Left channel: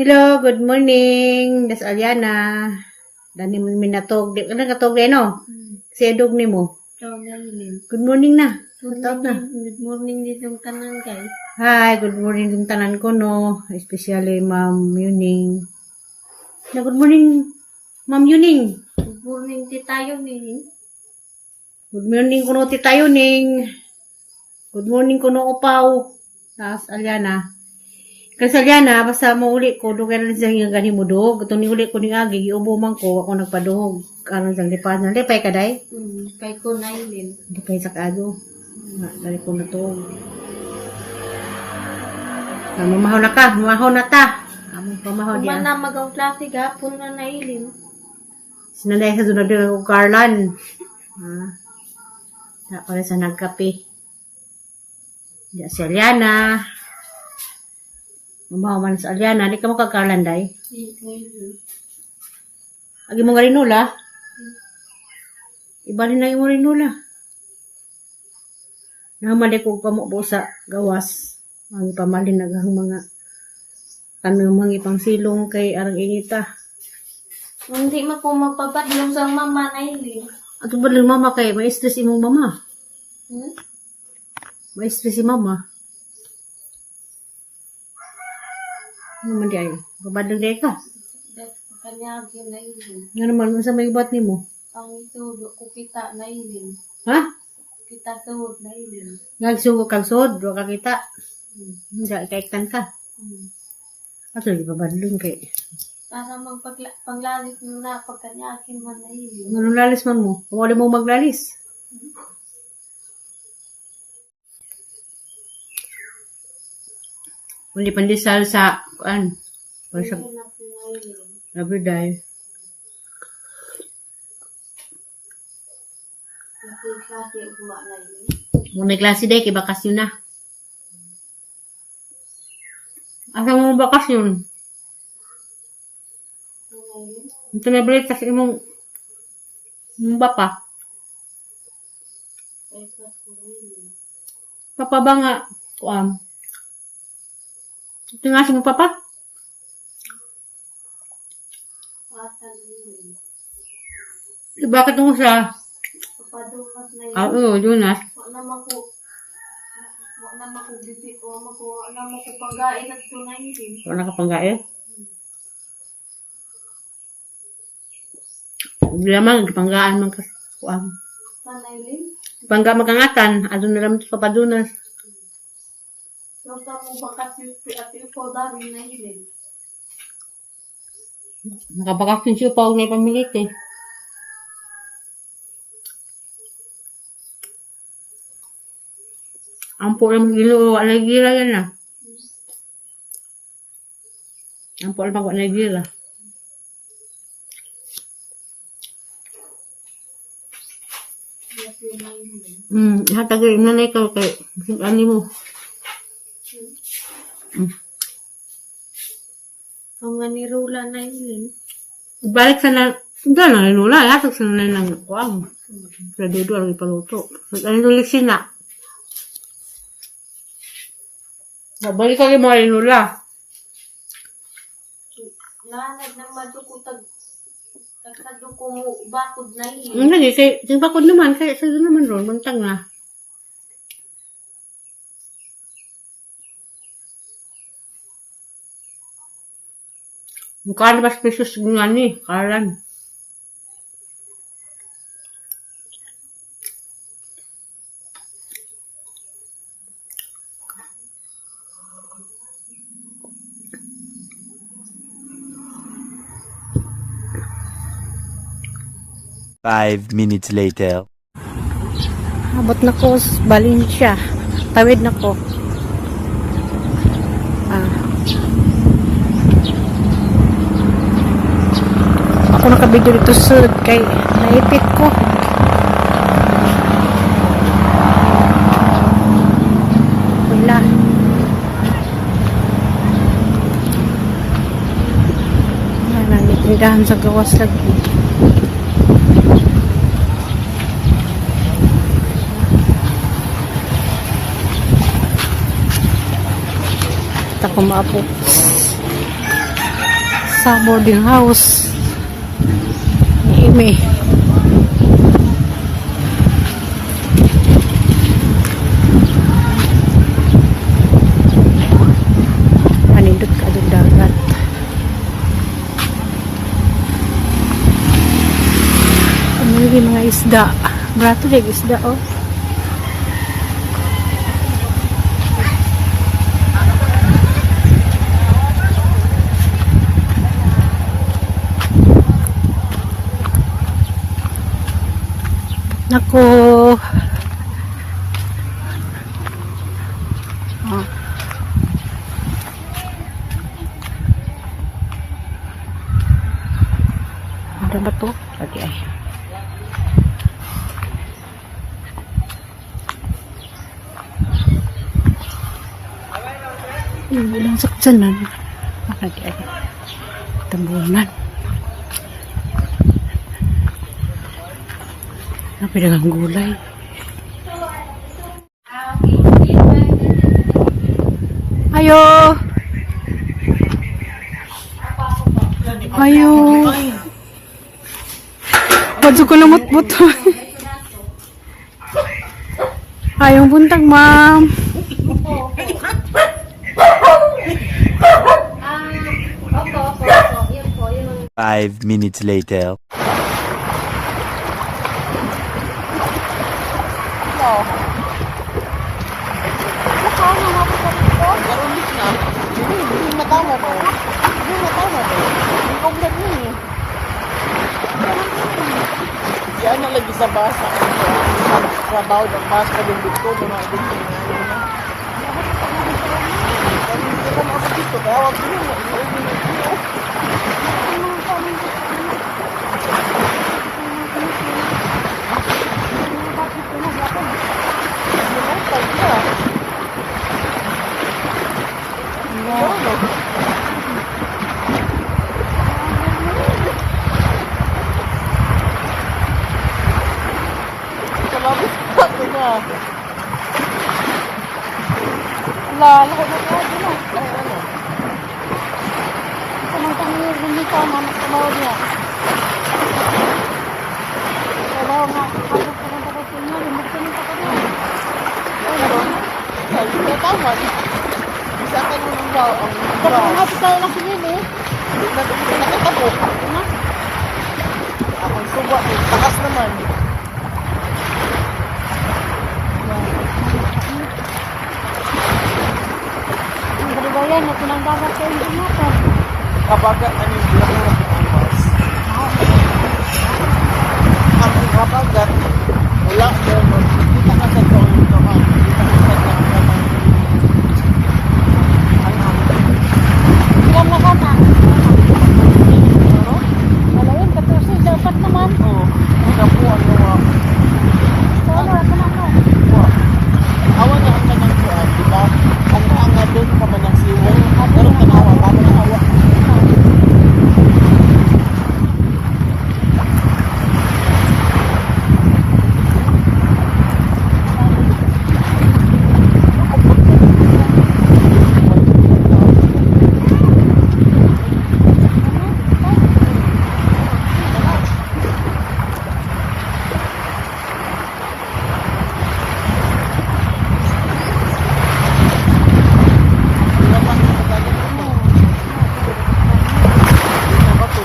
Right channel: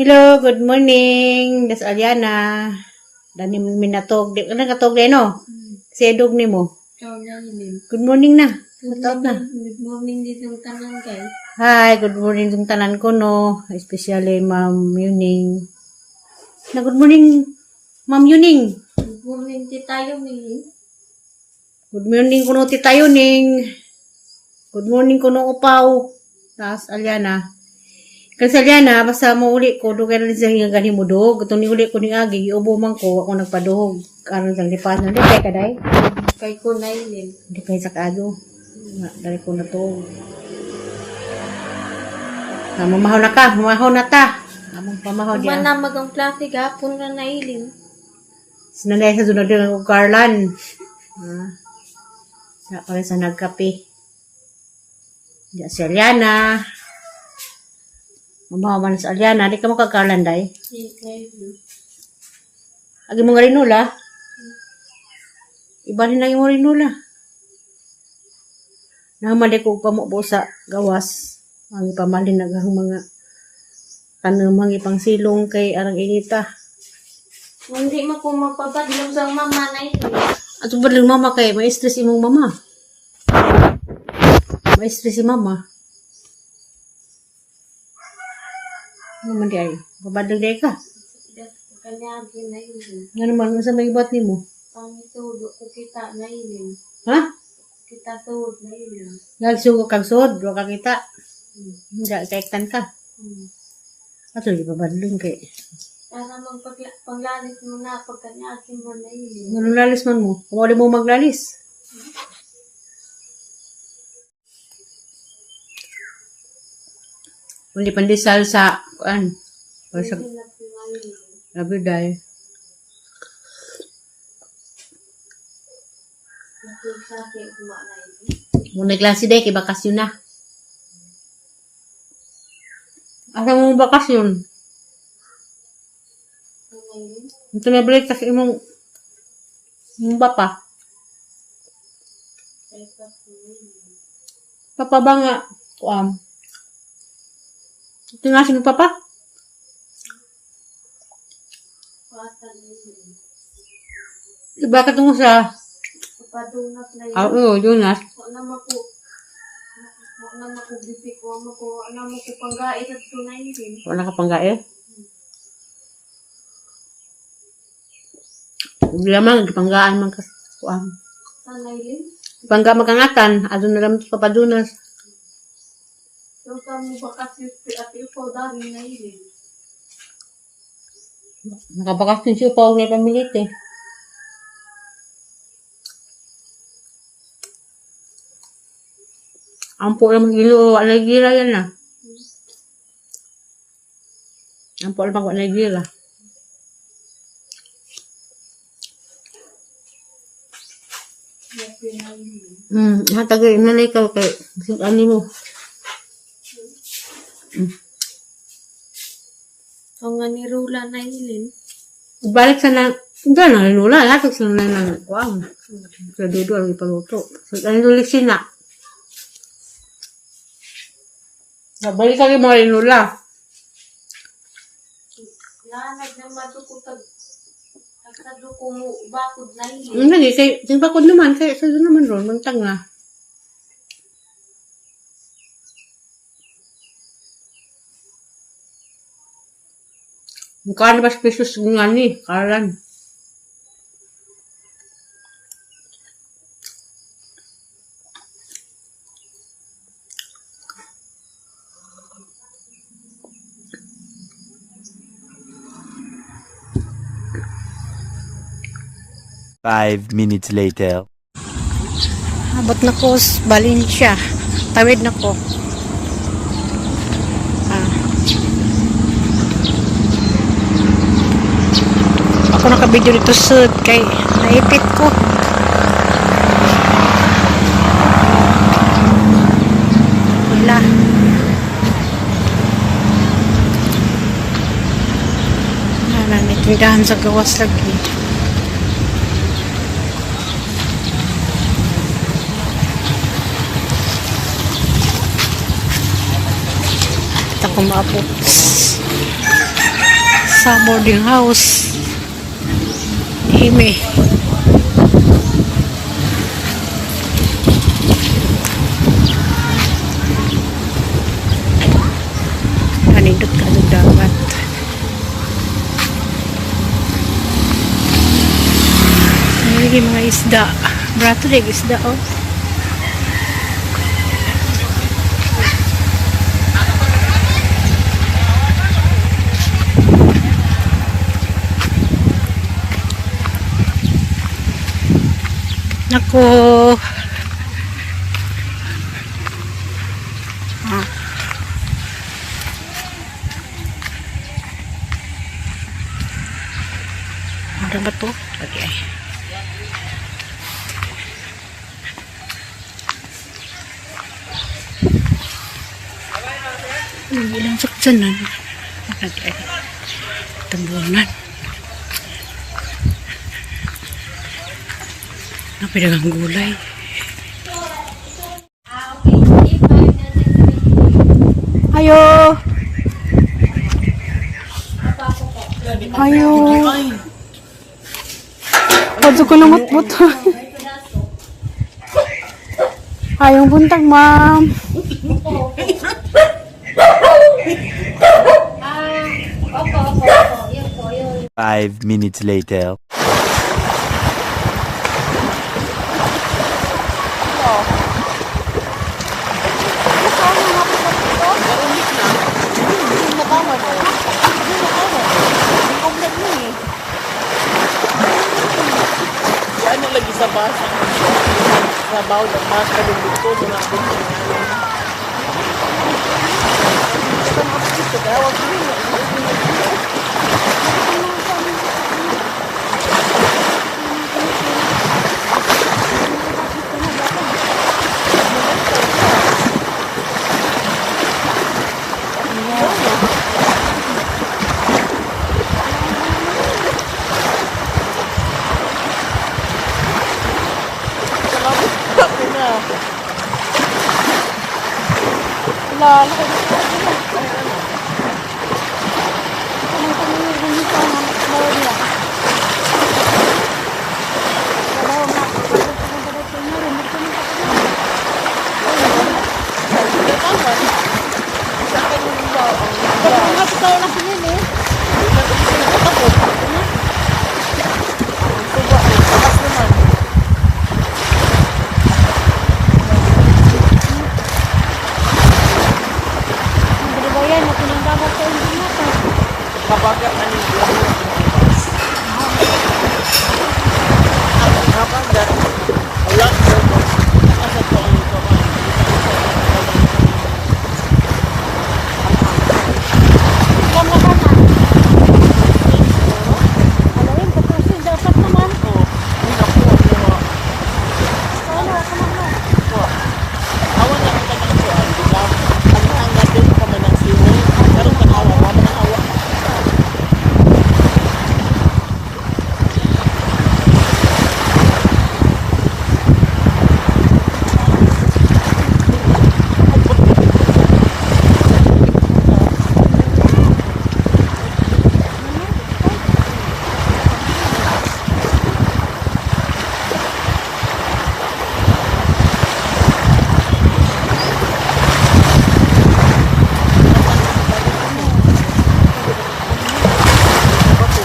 Hello, good morning. Das Aliana. Dani minatog. Di ka katog din, no? Sedog ni mo. Good morning na. Good morning din yung tanan kay. Hi, good morning yung tanan ko, no? Especially Ma'am Yuning. Na good morning, Ma'am Yuning. Good morning ti tayo ni. Good morning kuno ti tayo ning. Good morning kuno upaw. Das Aliana. Kasi Aliana, basta mo uli ko, do kaya rin siyang gani mo dog. Itong ni uli ko ni Agi, iubo man ko, ako nagpaduhog. Karon siyang lipas na, lipay ka day? Kay ko na ilin. Lipay sa kado. Dari ko na to. Mamahaw na ka, mamahaw na ta. Among pamahaw diya. Mana magang klase gapon na ilin. Sinanay sa sunod din ang Carlan. Sa pala sa nagkape. Diya si Aliana. Mamahaw man sa Aliana, di ka mo kag-Carlan day? Agi mo nga rinula? Ibalin na yung rinula. Nahamali ko pamubo sa gawas. Ang ipamalin nagang mga tanong ipang silong kay arang inita. Hindi mo po magpapadlong sa mama na ilin. At badlang mama kay may stress imong mama. May stress si mama. Ano man di ay? Babadlang di ka? Kanyagi na ilin. Nga naman, sa may ibat ni mo? Pangitudo ko kita na ilin. Ha? Kita tuod na ilin. Nagsugo kang sod, do ka kita. Hindi, kaiktan ka. Ato, di babadlang kay. Para panglalit mo na pagkanyagi mo na ilin. Anong lalis man mo? Kumuli mo maglalis. Hindi pandesal sa, kuan? Para sa, Hindi na po na ilin. labi dahil. Yung klase ugma na ilin. Muna klase day, kay bakasyon na. Asa mo bakasyon? Ano ilin? Ito na balik kasi imong bapa. Kay pa po na ilin. Papa ba nga? Ito nga si mo papa? Pasa na ilin. Bakit mo sa, Papadunat na ilin. oo, Jonas. Wala na ko bisik, wala na ko panggain at tunay din. Wala ka panggae? Hindi naman, panggaan man ka. Sanay din. Pangga magkangatan, adun na lang ito papadunas. Yung kamo bakas yung at ikaw dami na ilin. Nakabakasyon siya pa huwag na pamilit eh. Ang po lang gilo, alagira yan na. Ang po lang alagira. Yes, yun na ilin. Hatag yung nanay ka kay ani mo. Ang nga ni Rula na ilin. Balik sa na, dyan na nila, hatag sa nanay lang. Wow. Sa dudo ang ipaluto. So, ano tulik sina? Nabalik ka rin mga nila. Lanag ng madukutag. Nagkaduko mo bakod na ilin. Hindi, kay bakod naman, kaya sa doon naman ron, mantag na. Mukha na ba pesos nga ni, Carlan? Five minutes later. Abot na ko sa Valencia. Tawid na ko. Ako nakabidyo dito sud kay naipit ko. Wala. May tindahan sa gawas lagi. At ako maapot. sa boarding house ni Amy. Anindot ka doon dagat. Ini mga isda. Brato din isda oh. Nako. Ah. Ada ba to? Okay. Ilang saksanan. Makadi ay tambunan. Napidagang gulay. Ayo. Ayo. Kadto ko lumot-mot. Ayong buntag, ma'am. Opo. Yun po, yun. 5 minutes later. Yan na lagi sa bus ang sa bawd ang bus ka din dito muna din yung ngayon na. Hindi ka maabot dito kaya wag din na. Salamat pati na. Laki na po din na. Ano? Samantang yun din sa nanak trabaho niya. Trabaho nga. Kapag pumunta na sa inyo, lumit ko ng tapat na. Sabi niya tama. Isa ka nung ang baw. Kapag nga tayo lang sinuli. Hindi na ito nakatapok. Ang tuba, takas naman. Bayan na pinanggagat sa hindi na to. Kapag ano yung mura po ang bus. Ang kapagat, wala mo. Kita ka sa toong yung kawan. Kita ka sa toong ang Ilan na ka na? Alawin, 14, dapat naman. oo. Hindi po ano wa. Ano, kaman no? Wa. Awan na ang kanang kuan, di ba? Ang hanga doon pa man ang siwong. Pero tanawa, pa man ang hawa.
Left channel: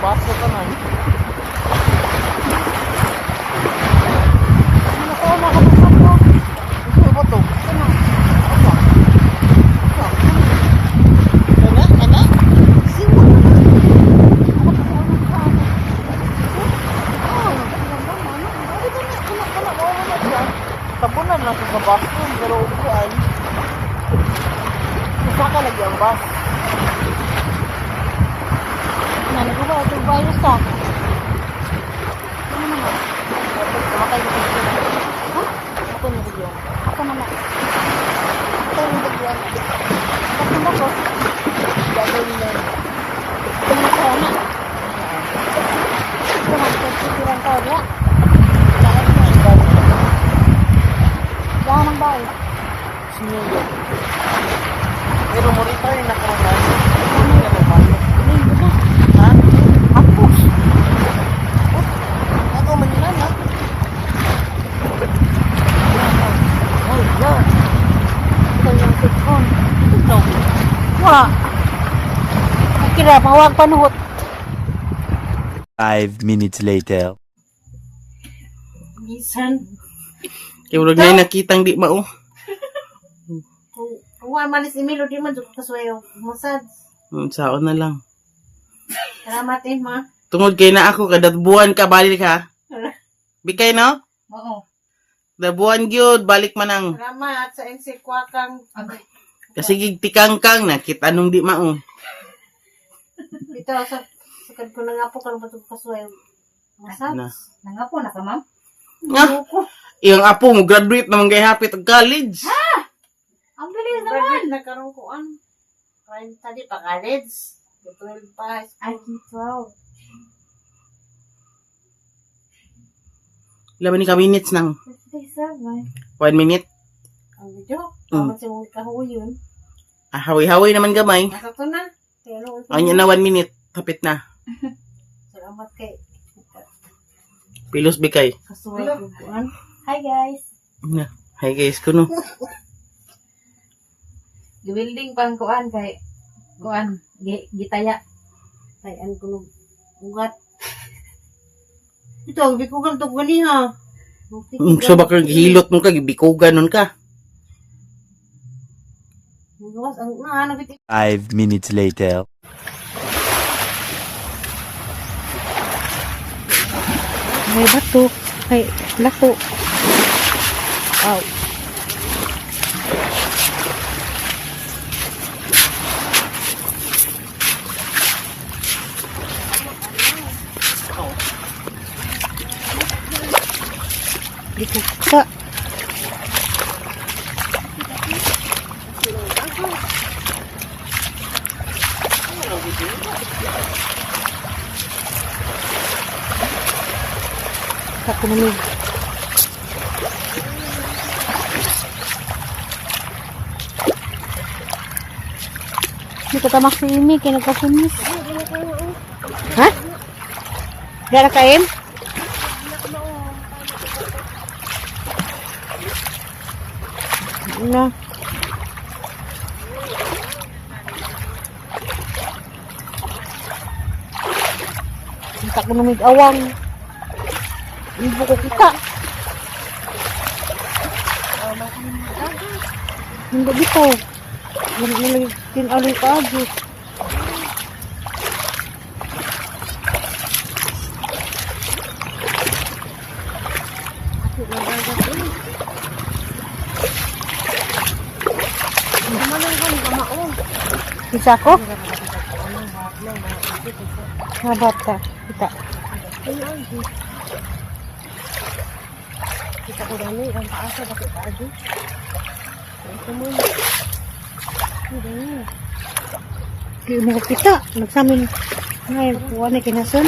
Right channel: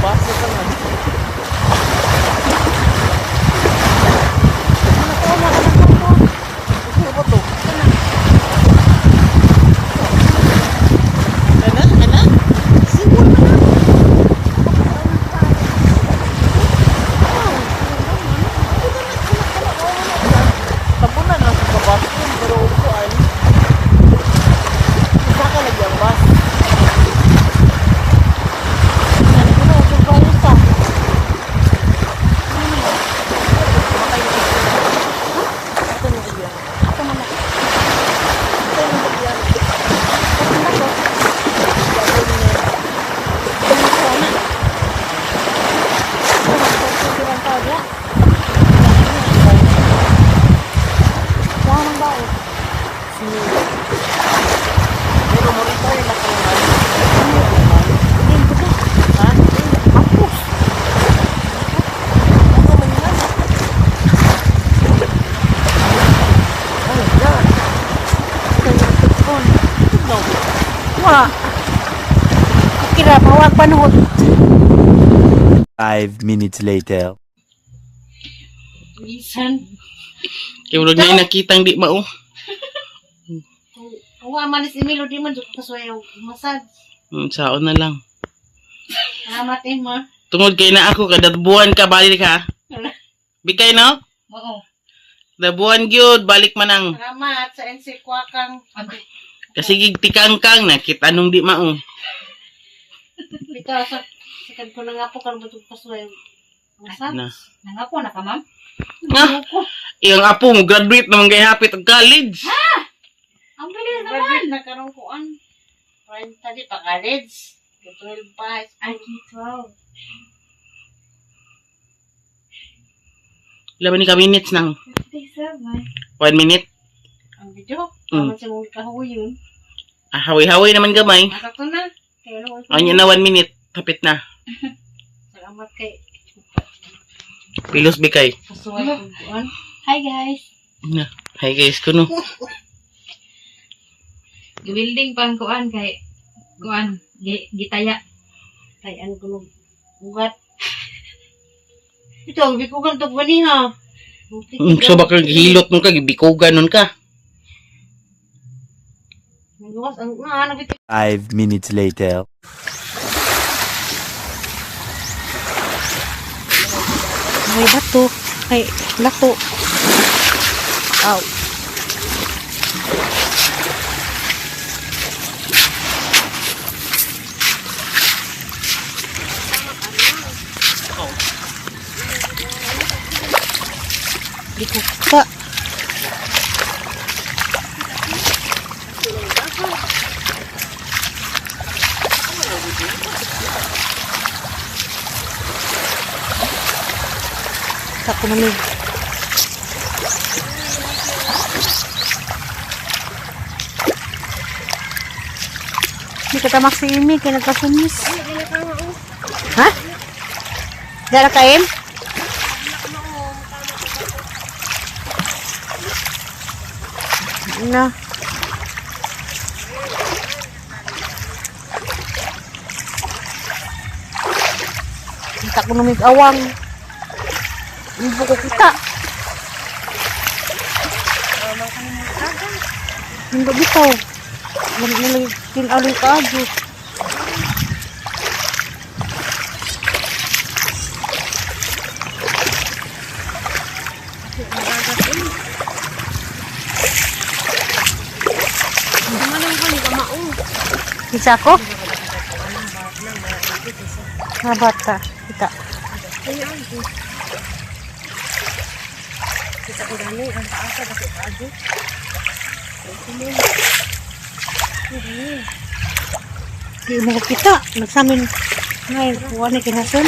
Basta pa na. Ano ko na ka nagpapa? Ito ba to? Kana. Apa? Apa? Kana? Kana? Siwon na. Ako pa ang nagkaano. Oh, Ganda mo, no? ay ito na. Kana, wala dyan. Tabunan lang sa bathroom, pero upuan. Isa ka lagi ang bus. Nani ko ba? Survive ka. Ano naman? Kamatay mo kasi na. Ha? Ako mo bigyan. Ako naman. Ako mo bigyan. Kasi ba ko? Gagawin mo na yun. Ano ko na? Ito man, kasi bilang tao niya. Kailangan mo ang bahay na. Kaya mang bae. Sinulog. Pero mo rin tayo nakarungan. Ano ka nagmayo? Lingkod na. Ha? Ako man yan ha. Oh, yan. Ito yung tikon. Ito. Wala. Kira, mawag panuhot. 5 minutes later. Bisan. Kaya wala na nakitang di mao. Kung amalis ni Milo, di man dito kasuyaw. Masad. Saon na lang. Salamat ma. Tungod kay na ako kada buwan ka balik ha. Bikay no? Oo. Da buwan gyud balik manang. Salamat sa NC Kwakang. Kasi gigtikangkang na kit anong di mao. Ito, sakad ko na nga po kung ba't kasuyaw. Masad. Na. Nangapo na ka, ma'am? Nga. Iyang apo mo graduate naman kay hapit og college. Ang bilis naman. Nagkaroon ko an. Prime tadi pa college. 12 pa. Ay, 12. Laban ni ka minutes nang 57. 1 minute. Ang video. Mm. Naman siya mong kahuyon. Ah, hawi-hawi naman gamay. Nakato na. Kaya ano, Anya na 1 minute. Hapit na. salamat kay Pilos bikay. kasuway ko kuan. Hi guys. Na. Hi guys kuno. Building pang kuan kay kuan gitaya. Tayan ko nung ugat. Ito, hindi ko ganito gani ha. So baka hilot mo ka gibikugan nun ka. Nagawas ang nahanap ito. 5 minutes later. May bato. Ay, lako. Aw. Di ko kita. Ako namin. Hindi ka tamak si Imi, kaya nagkasunis. Ha? Dala ka, Im? Na. Kita ko namig awang. Hindi ko kita. Hindi bitaw. Hindi lagi tinaloy ka agad. Bisa ko? Nabat ka. Kita. Kita ko dani ang taasa kasi paagi. Di mo ko kita. Nagsamin. Ngayon, kuha na kinasun.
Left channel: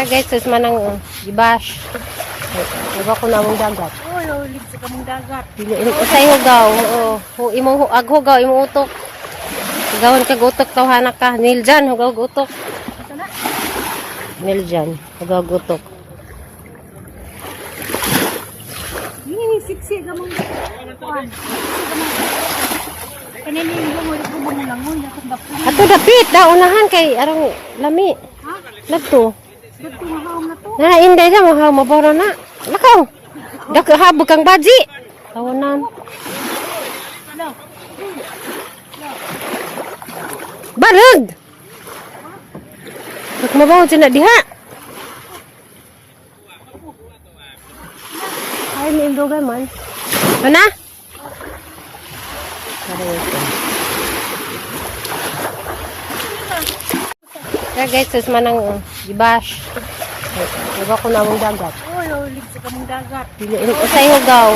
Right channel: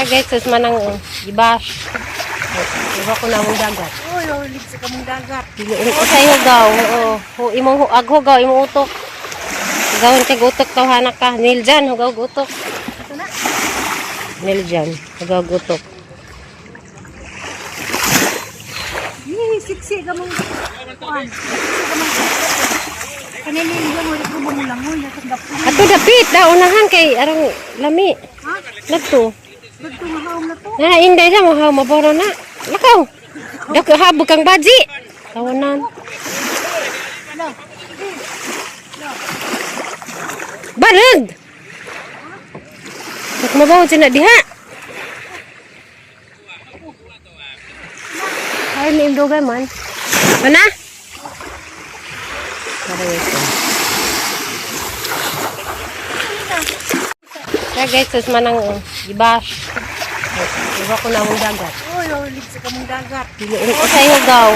Kaya guys, sus manang gibas. Iba ko na mong dagat. Uy, ulit sa kamong dagat. Usay hugaw. Oo. Imong aghugaw, imong utok. Gawin ka gutok tawhanak ka. Niljan, hugaw gutok. Ito na. Niljan, hugaw gutok. Siksi ka mong kuan. Siksi ka mong kaninin lang ulit ko bumulangoy. Natagap ko. Ato dapit, unahan kay arang lami. Ha? Nagto. Bagto nga haom na to. Na inday sa mo ha maboro na. Lakaw. Dako habog kang baji. Tawanan. Hello. Barag. Mak mabaw dyan na diha. Ay, may imdogay man. Mana? Para ito. Kaya guys, sus manang gibas. Iba ko na mong dagat. Uy, ulit sa kamong dagat. Usay hugaw.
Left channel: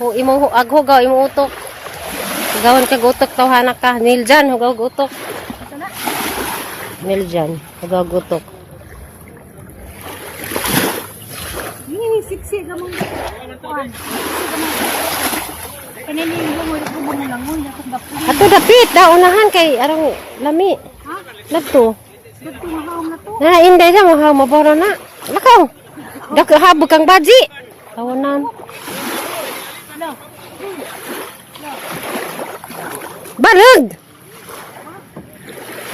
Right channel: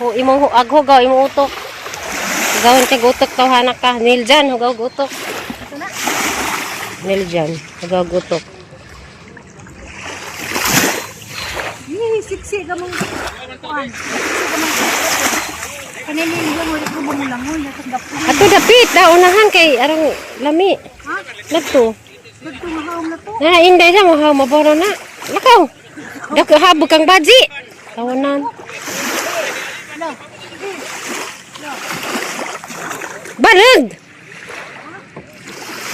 Oo. Imong aghugaw, imong utok. Gawin ka gutok tawhanak ka. Niljan, hugaw gutok. Ito na. Niljan, hugaw gutok. Siksi ka mong kuan. Siksi ka mong kaninin lang ulit ko bumulangoy. Natagap ko. Ato dapit, unahan kay arang lami. Ha? Nagto. Bagto nga haom na to. Na inday sa mo ha maboro na. Lakaw. Dako habog kang baji. Tawanan. Hello. Barag.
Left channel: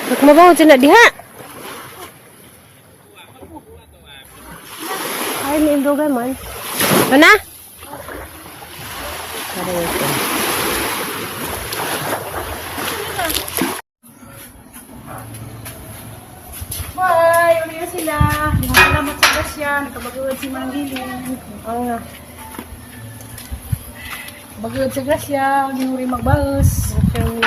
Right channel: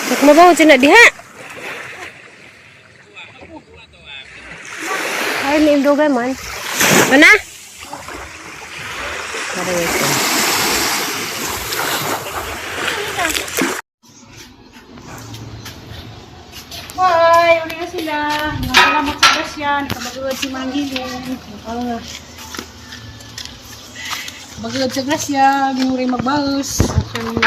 Mak mabaw dyan na diha. Ay, may imdogay man. Mana? Para ito. Bye! Uli na sila. Salamat sa Gasyan. Kabagod si Manggilin. Oo nga. Bagod sa Gasyan. Uri magbagos. Ang siyang